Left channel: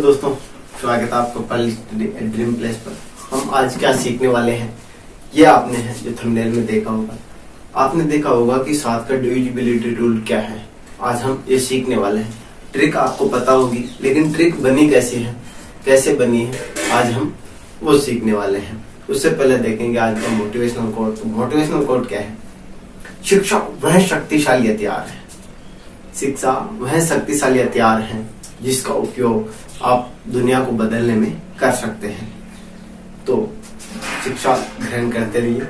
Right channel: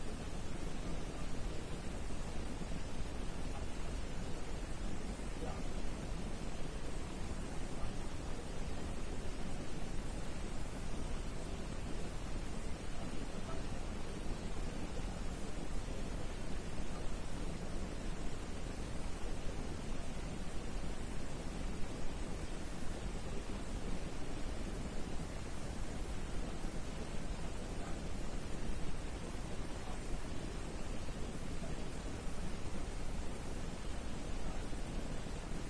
दोस्तों, स्वागत है आपका पल ड्रीम प्लेस पर। हम आज क्या सीखने वाले हैं ये आपने है जो थंबनेल में देखा होगा। आपने देखा होगा कि 7 का डिविजिबिलिटी रूल क्या है। आज हम ये सीखने वाले हैं। ट्रिक आपको पता होगी, लेकिन ट्रिक बनी कैसी है, कैसे बनी है, आज हम वो सीखने वाले हैं। उससे पहले देखेंगे आज का मोटिवेशनल कोट। मोटिवेशनल कोट क्या है? शिक्षा वह शक्तिशाली हथियार है। शिक्षा वह शक्तिशाली हथियार है जिसका उपयोग आप दुनिया को बदलने में कर सकते हैं। तो शिक्षा ग्रहण करते रहिए।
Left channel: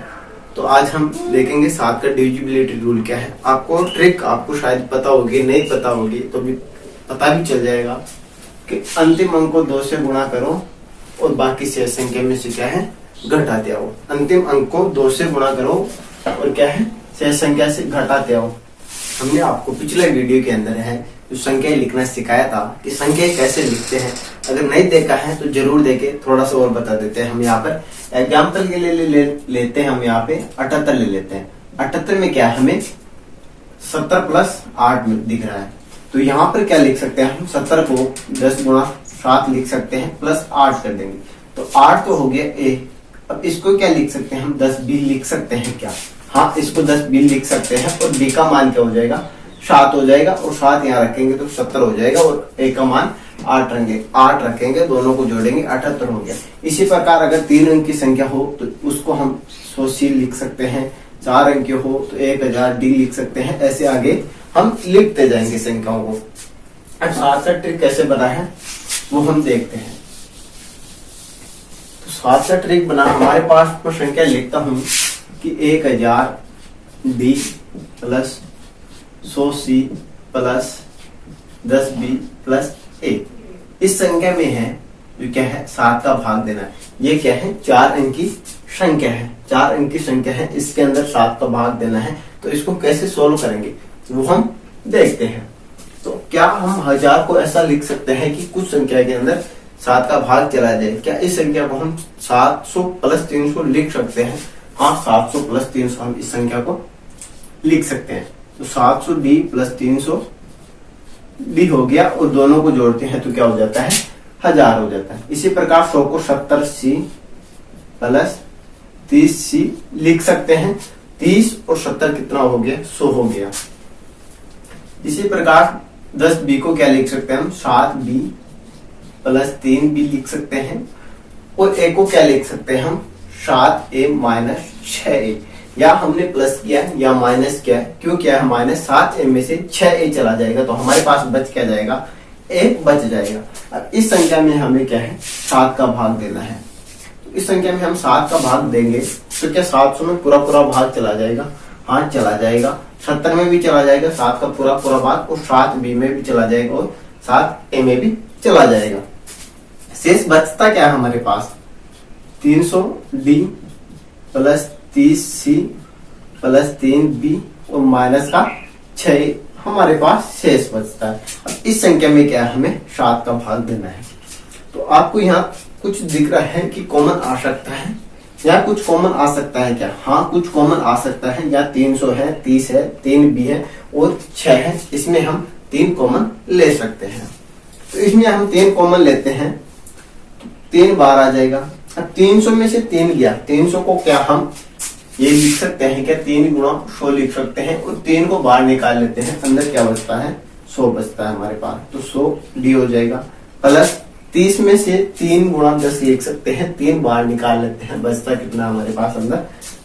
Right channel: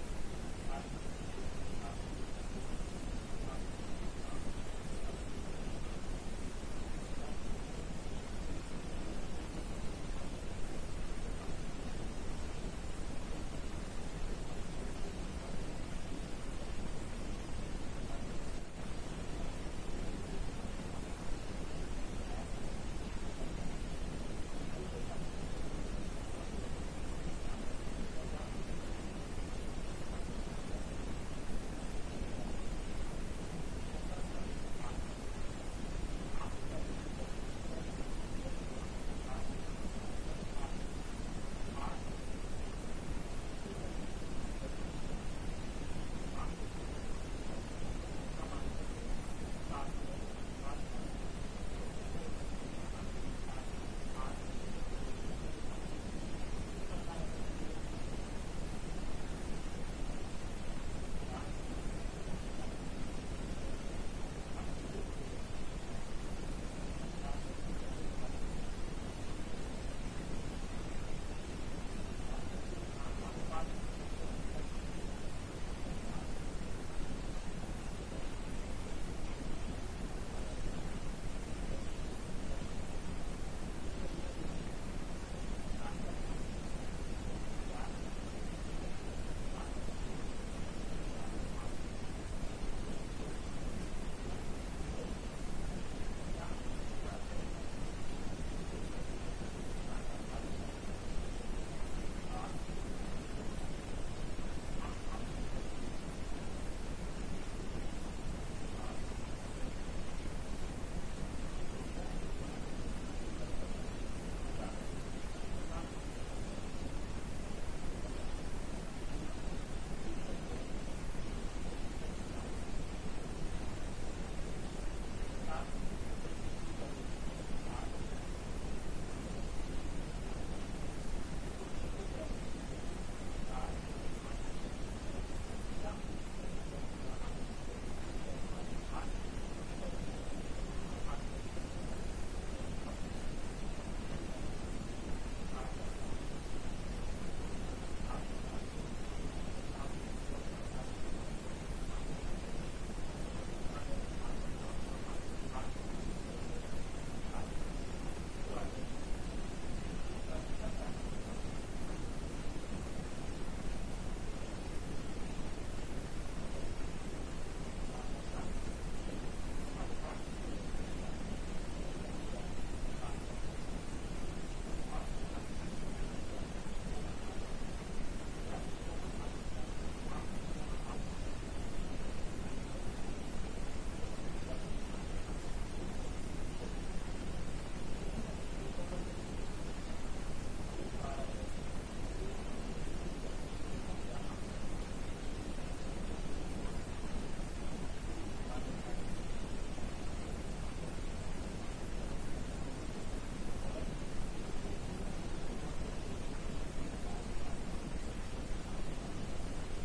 तो आज हम देखेंगे 7 का डिविजिबिलिटी रूल क्या है। आपको ट्रिक आपको शायद पता होगी, नहीं पता होगी तो भी पता भी चल जाएगा कि अंतिम अंक को 2 से गुणा करो और बाकी शेष संख्या में से क्या है घटाते आओ। अंतिम अंक को 2 से गुणा करो और क्या है शेष संख्या से घटाते आओ। हमने आपको पिछले वीडियो के अंदर है जो संख्या लिखना सिखाया था कि संख्या कैसे लिखते हैं। अगर नहीं देखा है तो जरूर देखे, थोड़ा सा और बता देते हैं। हम यहाँ पर एग्जाम्पल के लिए लेते हैं। हम यहाँ पे 78 ले लेते हैं। 78 में क्या है, हमें 70 प्लस 8 में दिख रहा है। तो यहाँ पर क्या लिख सकते हैं हम 70 को 10 गुणा 7 लिख सकते हैं, प्लस 8 कर देंगे तो 8 तो हो गया ए। अब इसको क्या लिख सकते हैं हम 10 बी लिख सकते हैं क्या? हाँ, इसको 10 बी लिख सकते हैं और बी का मान क्या हो जाएगा 7 हो जाएगा और 7 यहाँ रखेंगे तो 70 हो जाएगा और ए का मान 8 रखेंगे, दोनों को जोड़ेंगे 78 हो गया। इसी प्रकार अगर 3 अंक की संख्या हो तो उसको हम 100 सी लिख सकते हैं। 4 अंक की हो तो 1000 डी लिख सकते हैं। ऐसे आगे हम लिखते जाएंगे संख्याओं को। अब 7 का ट्रिक कैसे बना है वो हम देखते हैं। तो 7 का ट्रिक बना, हमारे पास मैं संख्या लिखता हूँ कि 1000 D plus 100 C plus 10 B plus A. इस संख्या में है जो क्या है 7 का भाग देना है। ये क्या है 4 अंक की संख्या है, 4 अंक की संख्या है। इसके अंदर 7 का भाग देना है। तो इसको कैसे सोल्व करेंगे वो हम देखते हैं। तो क्या हम 1000 को ऐसा लिख सकते हैं कि कुछ संख्या के अंदर 7 का भाग चला जाए? क्या इस संख्या को हम 700 प्लस 300 लिख सकते हैं? हाँ, 700 प्लस 300 हम इस संख्या को लिख सकते हैं। तो 700 डी प्लस 300 डी हो गया और दोनों को जोड़ते हैं तो क्या हो जाता है 1000 हो जाता है। इसी प्रकार 100 को 70 सी प्लस 30 सी लिख सकते हैं। 30 और 70 कितना हो गया 100 हो गया। इसी प्रकार 10 बी को क्या लिख सकते हैं हम 7 बी प्लस 3 बी लिख सकते हैं। और ए को क्या लिख सकते हैं हम 7 ए माइनस 6 ए। या हमने प्लस किया है या माइनस किया है, क्यों किया है माइनस? 7 ए में से 6 ए चला जाएगा तो हमारे पास बच क्या जाएगा 1 बच जाएगा। अब इस संख्या में हमें क्या है 7 का भाग देना है। तो इस संख्या में हम 7 का भाग देंगे तो क्या 700 में पूरा भाग चला जाएगा? हाँ, चला जाएगा। 70 में भी चला जाएगा 7 का पूरा भाग और 7 बी में भी चला जाएगा और 7 ए में भी चला जाएगा। शेष बचता क्या है हमारे पास 300 D plus 30 C plus 3 B और माइनस का 6 हमारे पास शेष बचता है। अब इस संख्या में क्या है हमें 7 का भाग देना है। तो आपको यहाँ कुछ दिख रहा है कि कॉमन आ सकता है या कुछ कॉमन आ सकता है क्या? हाँ, कुछ कॉमन आ सकता है। या 300 है, 30 है, 3 बी है और 6 है। इसमें हम 3 कॉमन ले सकते हैं। तो इसमें हम 3 कॉमन लेते हैं, 3 बार आ जाएगा। अब 300 में से 3 गया, 300 को क्या हम ये लिख सकते हैं क्या 3 गुणा 100 लिख सकते हैं और 3 को बाहर निकाल लेते हैं। अंदर क्या बचता है 100 बचता है हमारे पास। तो 100 डी हो जाएगा प्लस 30 में से 3 गुणा 10 लिख सकते हैं। 3 बाहर निकाल लेते हैं, बचता कितना हमारे पास अंदर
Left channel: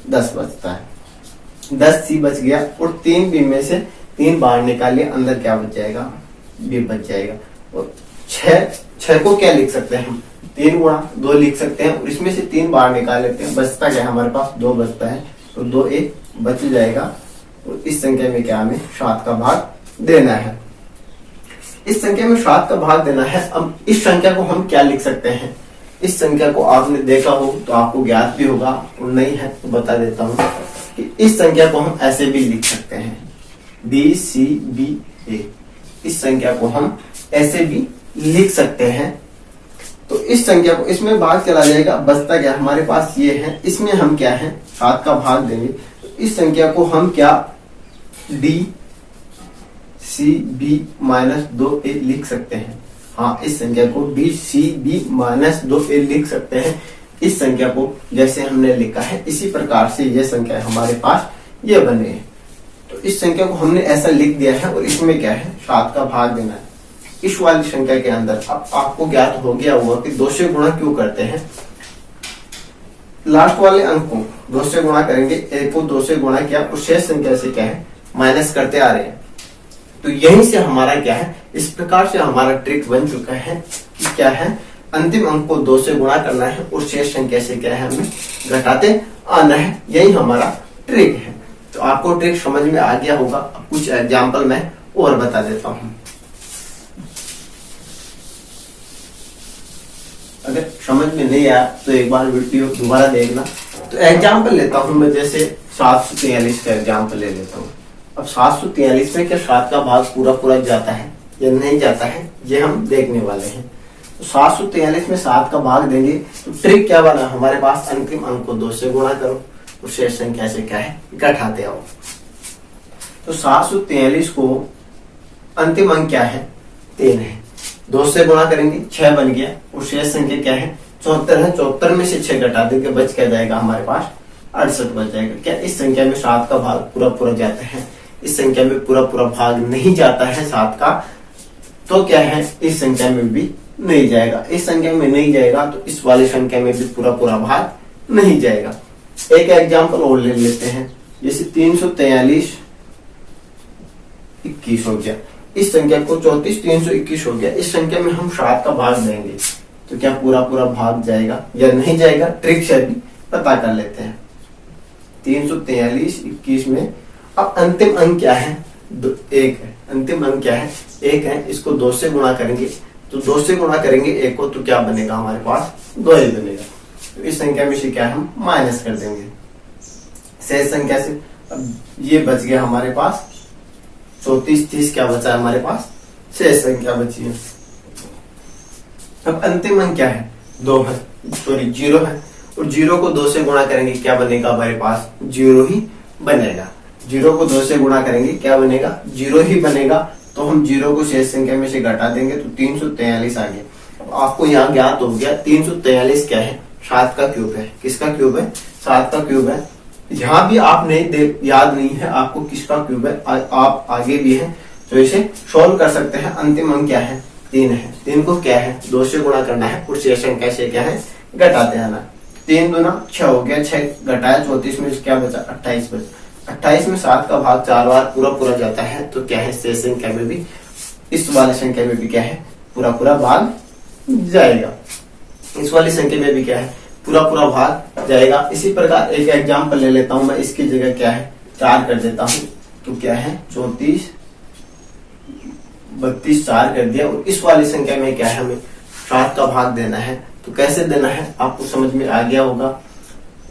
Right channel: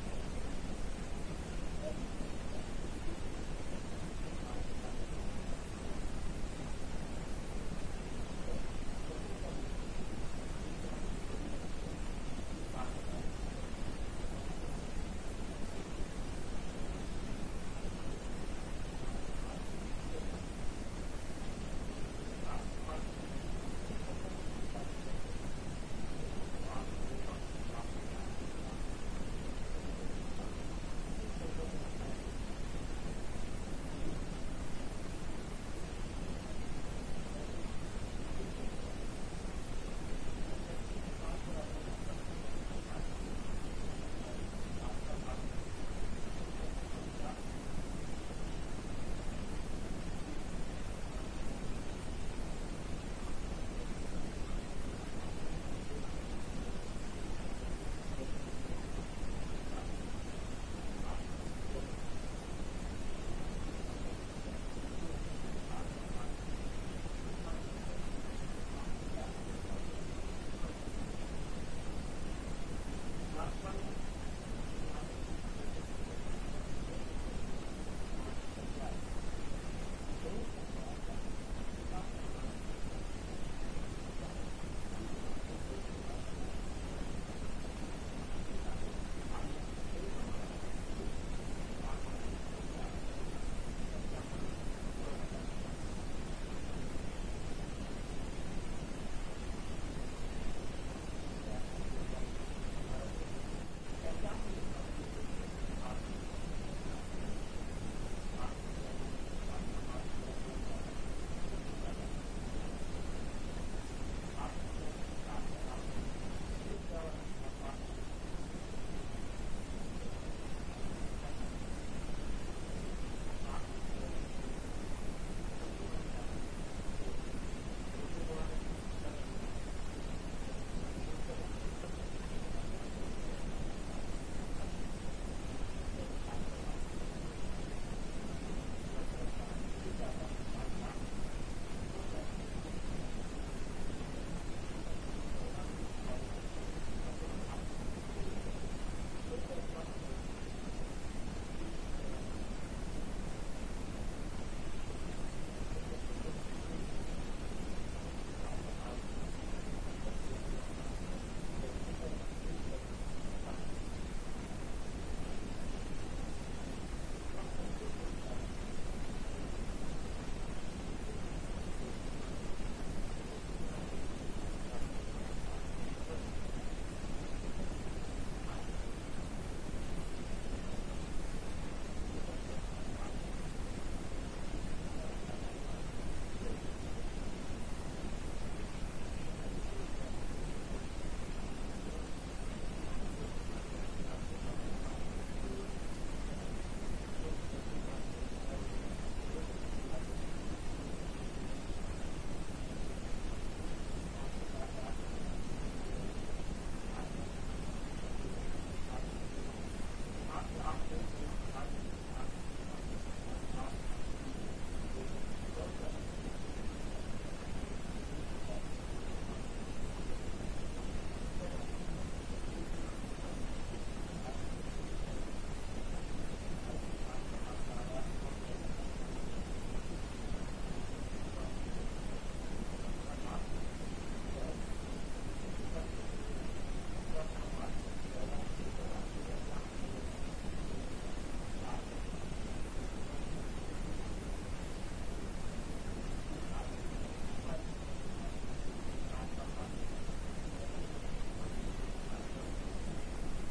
10 बचता है। 10 सी बच गया और 3 बी में से 3 बाहर निकाल लिया, अंदर क्या बच जाएगा बी बच जाएगा। और 6 को क्या लिख सकते हैं हम 3 गुणा 2 लिख सकते हैं और इसमें से 3 बाहर निकाल लेते हैं। बचता क्या हमारे पास 2 बचता है तो 2 एक बच जाएगा। और इस संख्या में क्या हमें 7 का भाग देना है। इस संख्या में 7 का भाग देना है। अब इस संख्या को हम क्या लिख सकते हैं? इस संख्या को आपने देखा हो तो आपको ज्ञात भी होगा और नहीं है तो बता देता हूँ कि इस संख्या को हम ऐसे भी लिख सकते हैं डी सी बी ए। इस संख्या को हम ऐसे भी लिख सकते हैं। तो इस संख्या को इसमें भाग चला जाएगा, बचता क्या हमारे पास ये है। इसमें हम क्या है 7 का भाग देंगे। तो इस संख्या को हम क्या डी सी बी माइनस 2 ए लिख सकते हैं। हाँ, इस संख्या को BCB-2A लिख सकते हैं। इस संख्या को जैसे हमने लिखा है इसी प्रकार से ये संख्या हमारे पास ये बने हैं। तो इस संख्या को हमने ऐसा लिख दिया है और इसमें क्या है 7 का भाग देना है इस वाली संख्या के अंदर। अब आपको ज्ञात हो गया हुआ कि 2 से गुणा क्यों करते हैं। लास्ट वाले अंक को 2 से गुणा करेंगे, एक को 2 से गुणा किया और शेष संख्या से क्या है माइनस करते आ रहे हैं। तो यहीं से हमारा क्या है, इस प्रकार से हमारा ट्रिक बन चुका है कि क्या है अंतिम अंक को 2 से गुणा करना है और शेष संख्या से क्या है हमें घटाते आना है। यही हमारा ट्रिक है। तो आपको ट्रिक समझ में आ गया होगा। अब कुछ एग्जाम्पल मैं और बता देता हूं। अगर समझ में नहीं आया तो एक बार वीडियो दोबारा देखना। तो एग्जाम्पल लेता हूं मैं, जैसे 743 का एग्जाम्पल ले लेता हूं। अब 743 में क्या 7 का भाग पूरा पूरा जाता है या नहीं जाता है, ये हम देखने वाले हैं। तो 743 में 7 का भाग देंगे तो ट्रिक क्या बना हमारे पास, अंतिम अंक को 2 से गुणा करो और शेष संख्या से क्या है घटाते आओ। तो 743 को अंतिम अंक क्या है 3 है, 2 से गुणा करेंगे 6 बन गया और शेष संख्या क्या है 74 है। 74 में से 6 घटा देंगे बच क्या जाएगा हमारे पास 68 बच जाएगा। क्या इस संख्या में 7 का भाग पूरा पूरा जाता है, इस संख्या में पूरा पूरा भाग नहीं जाता है 7 का। तो क्या है इस संख्या में भी नहीं जाएगा। इस संख्या में नहीं जाएगा तो इस वाली संख्या में भी पूरा पूरा भाग नहीं जाएगा। एक एग्जाम्पल और ले लेते हैं, जैसे 343 21 हो गया। इस संख्या को 34 321 हो गया। इस संख्या में हम 7 का भाग देंगे तो क्या पूरा पूरा भाग जाएगा या नहीं जाएगा, ट्रिक से भी पता कर लेते हैं। 343 21 में अब अंतिम अंक क्या है 1 है। अंतिम अंक क्या है 1 है। इसको 2 से गुणा करेंगे तो 2 से गुणा करेंगे 1 को तो क्या बनेगा हमारे पास 2 ही बनेगा। तो इस संख्या में से क्या हम माइनस कर देंगे शेष संख्या से। अब ये बच गया हमारे पास 34 30 क्या बचा है हमारे पास शेष संख्या बची है। अब अंतिम अंक क्या है 2 है, सॉरी 0 है और 0 को 2 से गुणा करेंगे क्या बनेगा हमारे पास 0 ही बनेगा। 0 को 2 से गुणा करेंगे क्या बनेगा 0 ही बनेगा। तो हम 0 को शेष संख्या में से घटा देंगे तो 343 आ गया। अब आपको यहाँ ज्ञात हो गया 343 क्या है 7 का क्यूब है। किसका क्यूब है 7 का क्यूब है। यहाँ भी आप नहीं याद नहीं है आपको किसका क्यूब है, आप आगे भी है तो इसे सोल्व कर सकते हैं। अंतिम अंक क्या है 3 है। 3 को क्या है 2 से गुणा करना है और शेष संख्या से क्या है घटाते आना। 3 दूना 6 हो गया, 6 घटाया 34 में क्या बचा 28 बचा। 28 में 7 का भाग 4 बार पूरा पूरा जाता है तो क्या है शेष संख्या में भी इस वाली संख्या में भी क्या है पूरा पूरा भाग जाएगा। इस वाली संख्या में भी क्या है पूरा पूरा भाग जाएगा। इसी प्रकार एक एग्जाम्पल ले लेता हूं मैं, इसकी जगह क्या है 4 कर देता हूं तो क्या है 34 32 4 कर दिया और इस वाली संख्या में क्या है हमें 7 का भाग देना है। तो कैसे देना है आपको समझ में आ गया होगा।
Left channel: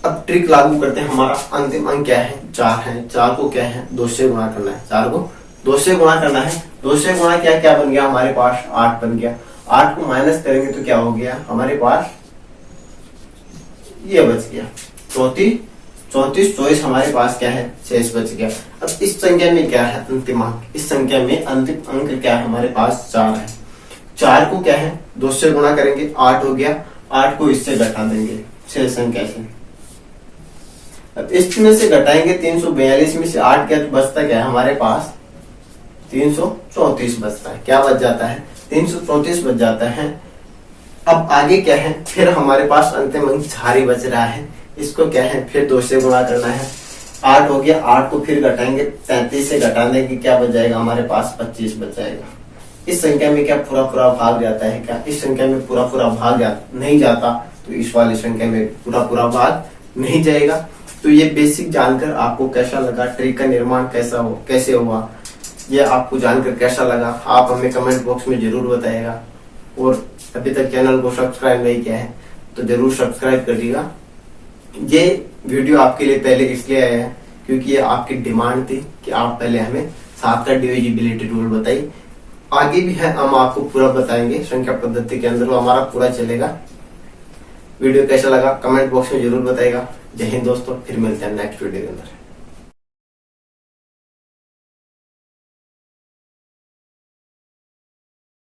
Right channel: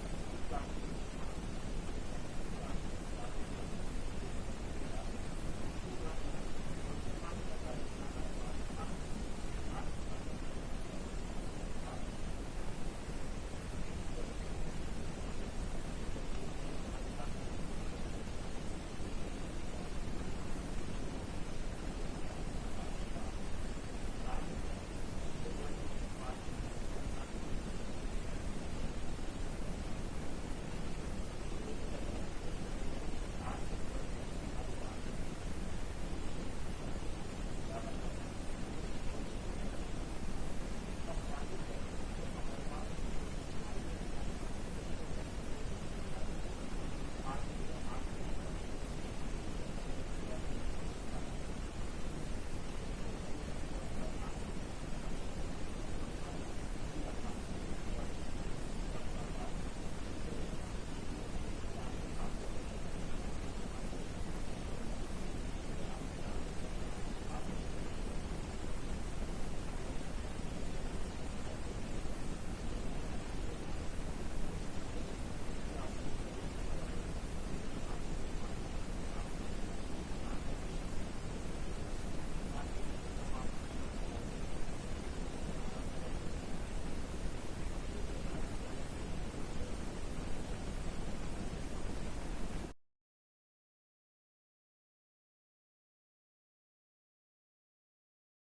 अब ट्रिक लागू करते हैं। हमारा अंतिम अंक क्या है 4 है। 4 को क्या है 2 से गुणा करना है। 4 को 2 से गुणा करना है। 2 से गुणा किया क्या बन गया हमारे पास 8 बन गया। 8 को माइनस करेंगे तो क्या हो गया हमारे पास ये बच गया 34 24 हमारे पास क्या है शेष बच गया। अब इस संख्या में क्या है अंतिम अंक, इस संख्या में अंतिम अंक क्या है हमारे पास 4 है। 4 को क्या है 2 से गुणा करेंगे 8 हो गया। 8 को इससे घटा देंगे शेष संख्या से। अब इसमें से घटाएंगे 342 में से 8 क्या बचता क्या है हमारे पास 334 बचता है। क्या बच जाता है 334 बच जाता है। अब आगे क्या है फिर हमारे पास अंतिम अंक 4 ही बच रहा है। इसको क्या है फिर 2 से गुणा करना है। 8 हो गया। 8 को फिर घटाएंगे 33 से घटाने की क्या बच जाएगा हमारे पास 25 बच जाएगा। इस संख्या में क्या पूरा पूरा भाग जाता है क्या, इस संख्या में पूरा पूरा भाग नहीं जाता तो इस वाली संख्या में पूरा पूरा भाग नहीं जाएगा। तो ये बेसिक जानकर आपको कैसा लगा, ट्रिक का निर्माण कैसे हुआ, ये आपको जानकर कैसा लगा आप हमें कमेंट बॉक्स में जरूर बताइएगा। और अभी तक चैनल को सब्सक्राइब नहीं किया है तो जरूर सब्सक्राइब करिएगा। ये वीडियो आपके लिए पहले इसलिए आया है क्योंकि ये आपकी डिमांड थी कि आप पहले हमें 7 का डिविजिबिलिटी रूल बताइए। आगे भी है हम आपको पूरा बताएंगे संख्या पद्धति के अंदर, वो हमारा पूरा चलेगा। वीडियो कैसा लगा कमेंट बॉक्स में जरूर बताइएगा। जय हिंद दोस्तों, फिर मिलते हैं नेक्स्ट वीडियो के अंदर।